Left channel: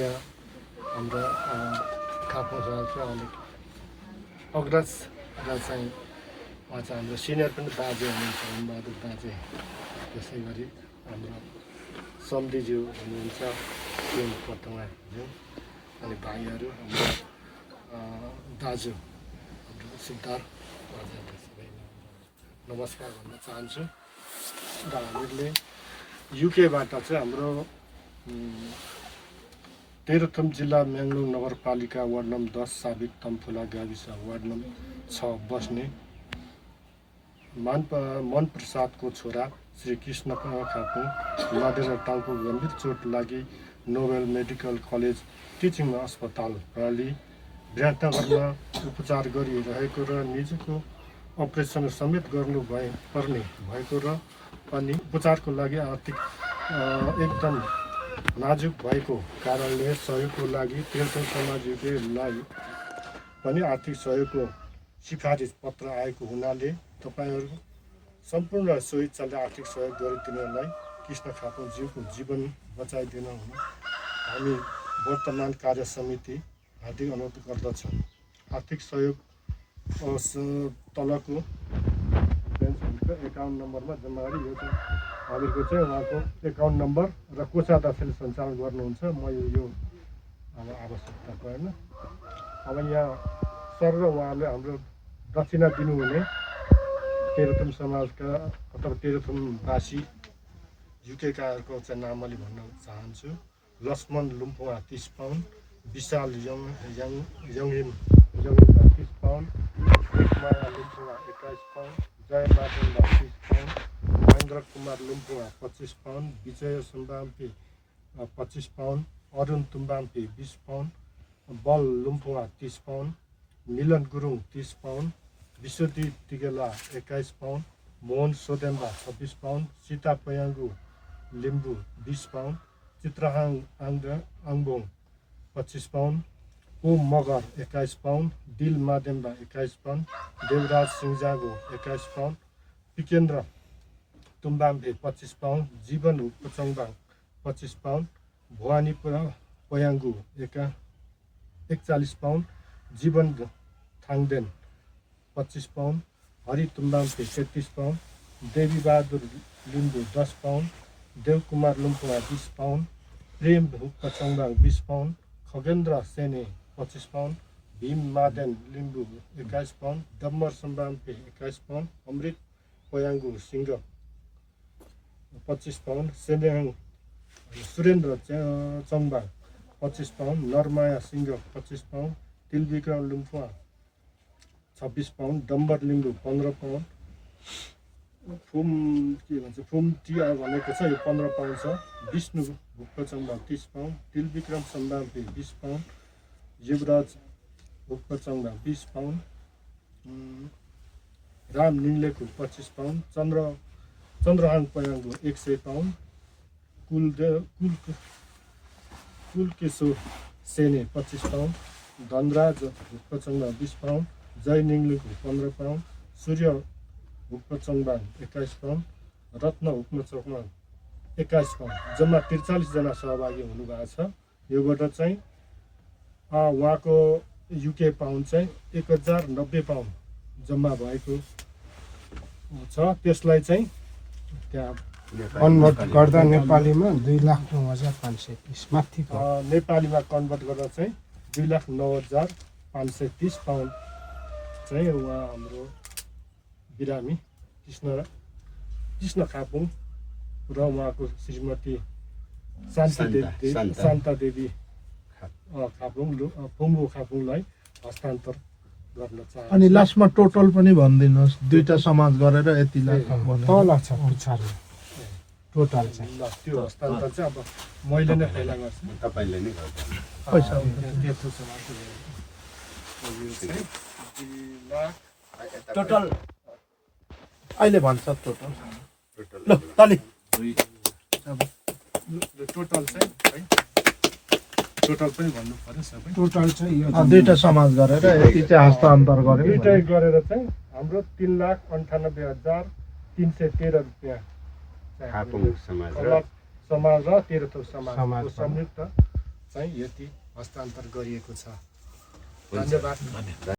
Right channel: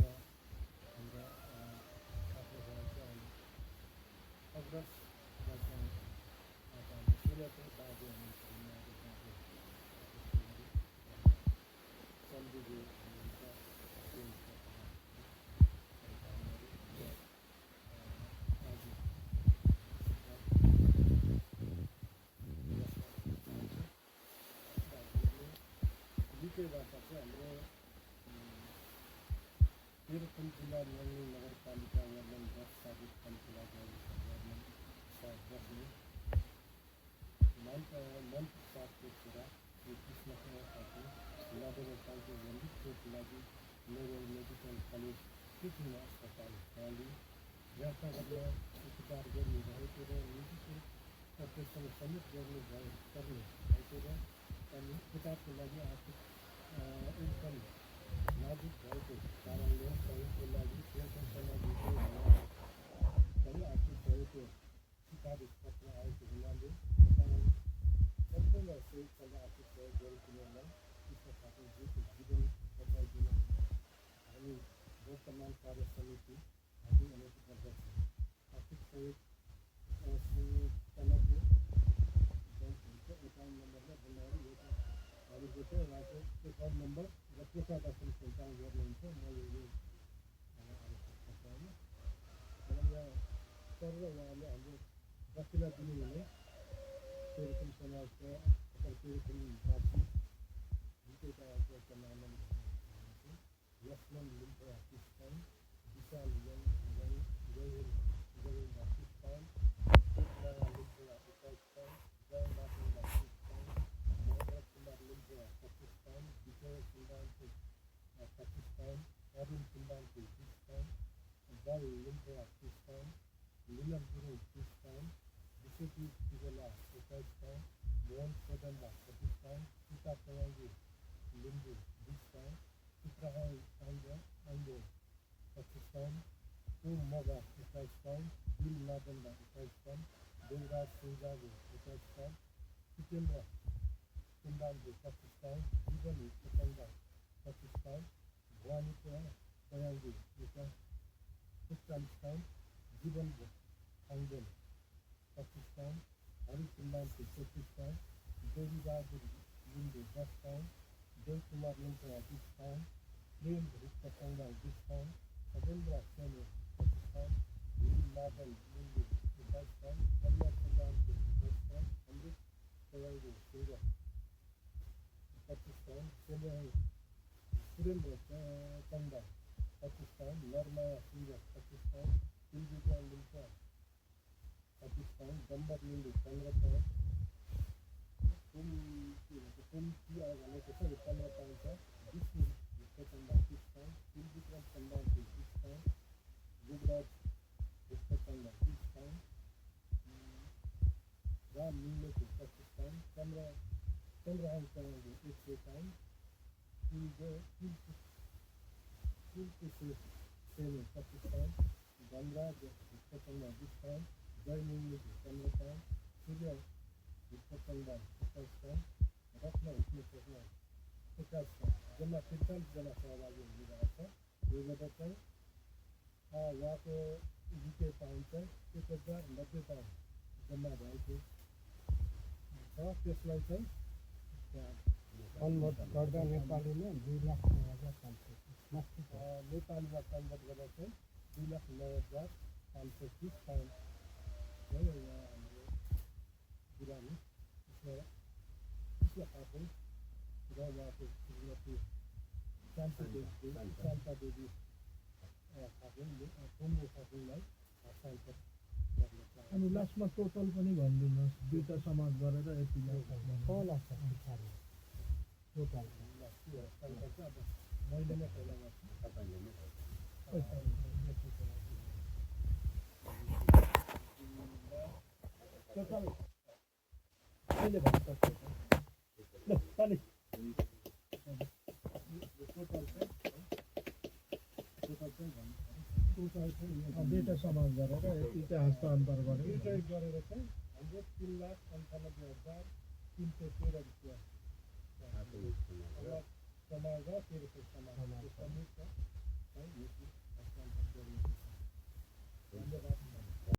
यहाँ हाम्रो खापमा चाहिँ अलिक अग्रज र चाहिँ उहाँ चाहिँ हाम्रो सिनियर पनि बाजे हुनुहुन्छ बहादुर बाजे, त्यसै गरी हाम्रो सम्धिज्यू हुनुहुन्छ प्रेम पतुवाज्यू, अनि भाइहरू हाम्रो दाजु सिद्धार्थ नमस्कार भन्न चाहन्छु। र हामीले युकेबाट चाहिँ हाम्रो तेह्रथुम जिल्ला म्याङ्लोङ नगरपालिका वार्ड नम्बर 10 साबिक तम्फुला गाविस वार्ड नम्बर 6 बस्ने मन प्रसादको छोरा श्री कृष्ण खापुङ माडेर टाउको गम्भीर चोट लागि नोबेल मेडिकल कलेज टिचिङ अस्पताल प्रणाली विराटनगरमा उपचार गरिरहेको र निजको अपरेसन समेत गर्नु पर्ने भएको र अनि उपचारको लागि आर्थिक एकदम नाजुक भएको कारणले सहयोगको लागि तेह्रथुम समाज युकेलाई पनि आर्थिक सहयोगको सिफारिस पत्र आएको हुनाले तपाईहरू सम्पूर्ण सोही इच्छाले आर्थिक सहयोग गरिदिनलाई कृष्ण खापुङज्यूको जीवन बचाइदिन हुन हामी वर्तमान कार्य समिति हार्दिक अनुरोध गर्दछौँ। आर्थिक सहयोग तलको एकाउन्ट नम्बरमा जम्मा गरी यो चाहिँ हामीहरूको चाहिँ उहाँको एकाउन्ट नम्बर र कोषा दक्षिण सञ्चालन गर्नुहुन्छ। म यो अब आवश्यकता परेन। अब यहाँ सर र उहाँले हाम्रो दक्षिणा दिनुहुने तेह्रथुम समाजका अथवा तेह्रथुमवासी युकेकाहरूको चाहिँ नामली भन्न चाहन्छु। Laxman Lumpuwa 30 pound, Vishal Yanglim 30 pound, Maya Lumpuwa 21 pound, Jay Madenda 30 pound, Mahendra Kumar Lumpuwa 25 pound, Vijay Sumbampi 25 pound, Arun Tumbampi 20 pound, Bal Lumpuwa 30 pound, Milan Gurung 30 pound, Bishwadeep Tigela 21 pound, Mohan Sodemba 26 pound, Sita Payangu Limbu 20 pound, Chitrahang Angbong 25 pound, Om Magar 21 pound, Dil Mademba 21 pound, Devraj Sinjago 21 pound, पिकेन्द्र Tumbambe 25 pound, Jeevan Hukpachangbang 25 pound, Bhawani Payangu 41 pound, Jeevan Thangden 25 pound, Hari Tumbampe 33 pound, Devi Bahadur Limbu 10 pound, Devkumar Lumpuwa 20 pound, Prem Hukpachangbang 20 pound, Khagendra Sene 25 pound, Bhim Maden Limbu 21 pound, Dambar Sambampe 21 pound, Amrit Payangu Singh 25 pound, Senehang Surendra Changbang 25 pound, Narmaya Singh 25 pound, Tilbikram Lumpuwa 26 pound, Dambar Limbu 15 pound, फुम टिया भनेको छ यो 15 pound छ, Vishnu Hukpachangbang 30 pound, Tilbikram Sambampe 20 pound, Yuvraj Hukpachangbang 20 pound, Ram Ninglekhu 25 pound, Chandrahang Payangu 100 pound, Kulkishor Sene 25 pound, Dhanraj Hukpachangbang 20 pound, Jay Ninglekhu 15 pound, Surya Hukpachangbang 21 pound, Ratna Hukpachangbang 21 pound, जम्मा 43 जना सहभागी हुनुभएको छ। योबाट चाहिँ उहाँको युके पाउन्ड चाहिँ 1090 पाउन्ड जम्मा भएको छ। त्यसलाई चाहिँ त्यहाँ कन्भर्ट गर्दा नेपालीमा 2,09,530 माथि नेपालीमा कन्भर्ट गर्दा चाहिँ 2,09,530 पाउन्ड चाहिँ उहाँ हाम्रो बिरामी कृष्ण खापुङ र उहाँको श्रीमती शान्ता देवी खापुङ फुङ्गो खापुङलाई हस्तान्तर गर्न चाहन्छु। अनि लास्टमा टोटल पनि भनिदिनुहोस्, दुईटा समाज गरेर यति लाख तल छ पुछारी टोटल चाहिँ ल त्यो हस्तान्तर चाहिँ अब मैले नै फेला गर्छु, तपाईँले नै गर्छ। पैसा तेह्रथुम समाजको टोटल अहिले भन्छ टोटल ल तले टोटल चाहिँ है टोटल पनि भन्नु पर्यो सबै। टोटल चाहिँ यो दुईटा समाज गरेर यति चाहिँ हस्तान्तर गर्यो दुईटै गरेर चाहिँ हाम्रो 3,98,313 रुपियाँ खापुङ समाज र समाज र तेह्रथुम समाजको संयुक्त चाहिँ यति हस्तान्तर गरिएको छ। धन्यवाद।